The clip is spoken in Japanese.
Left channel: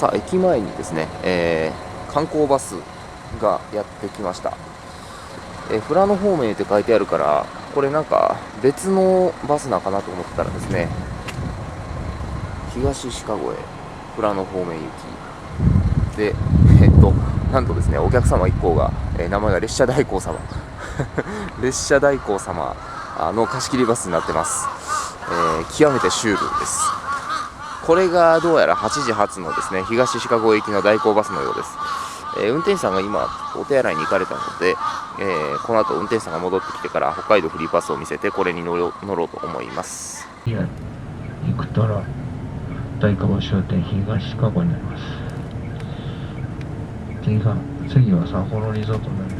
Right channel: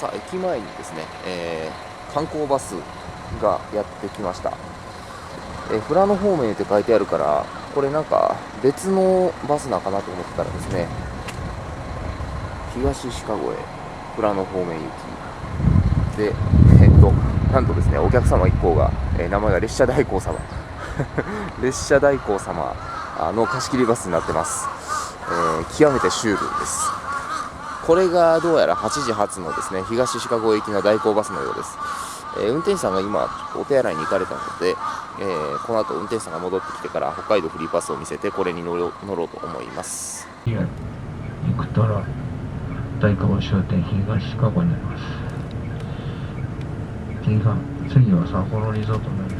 さあ、駅前にですね、観光バスがやってきました。富良野方面って書いてあるから、これなんか別のバスなのかなと思ったらですね、東鹿越富良野方面行きで、なんとですね、お客様一行が、名前が列車代行様列車代行様の貸し切りバスになってます。極めてシュールです。これがどうやら8時発のですね、東鹿越行きの代行バスのようです。運転手さんが今お手洗いに行かれたので、この後運転手さんが戻ってきてから北海道フリーパスを見せてこれに乗ろうと思います。いや、行くたら代替バス終点東鹿越になります。次は札幌リゾートになります。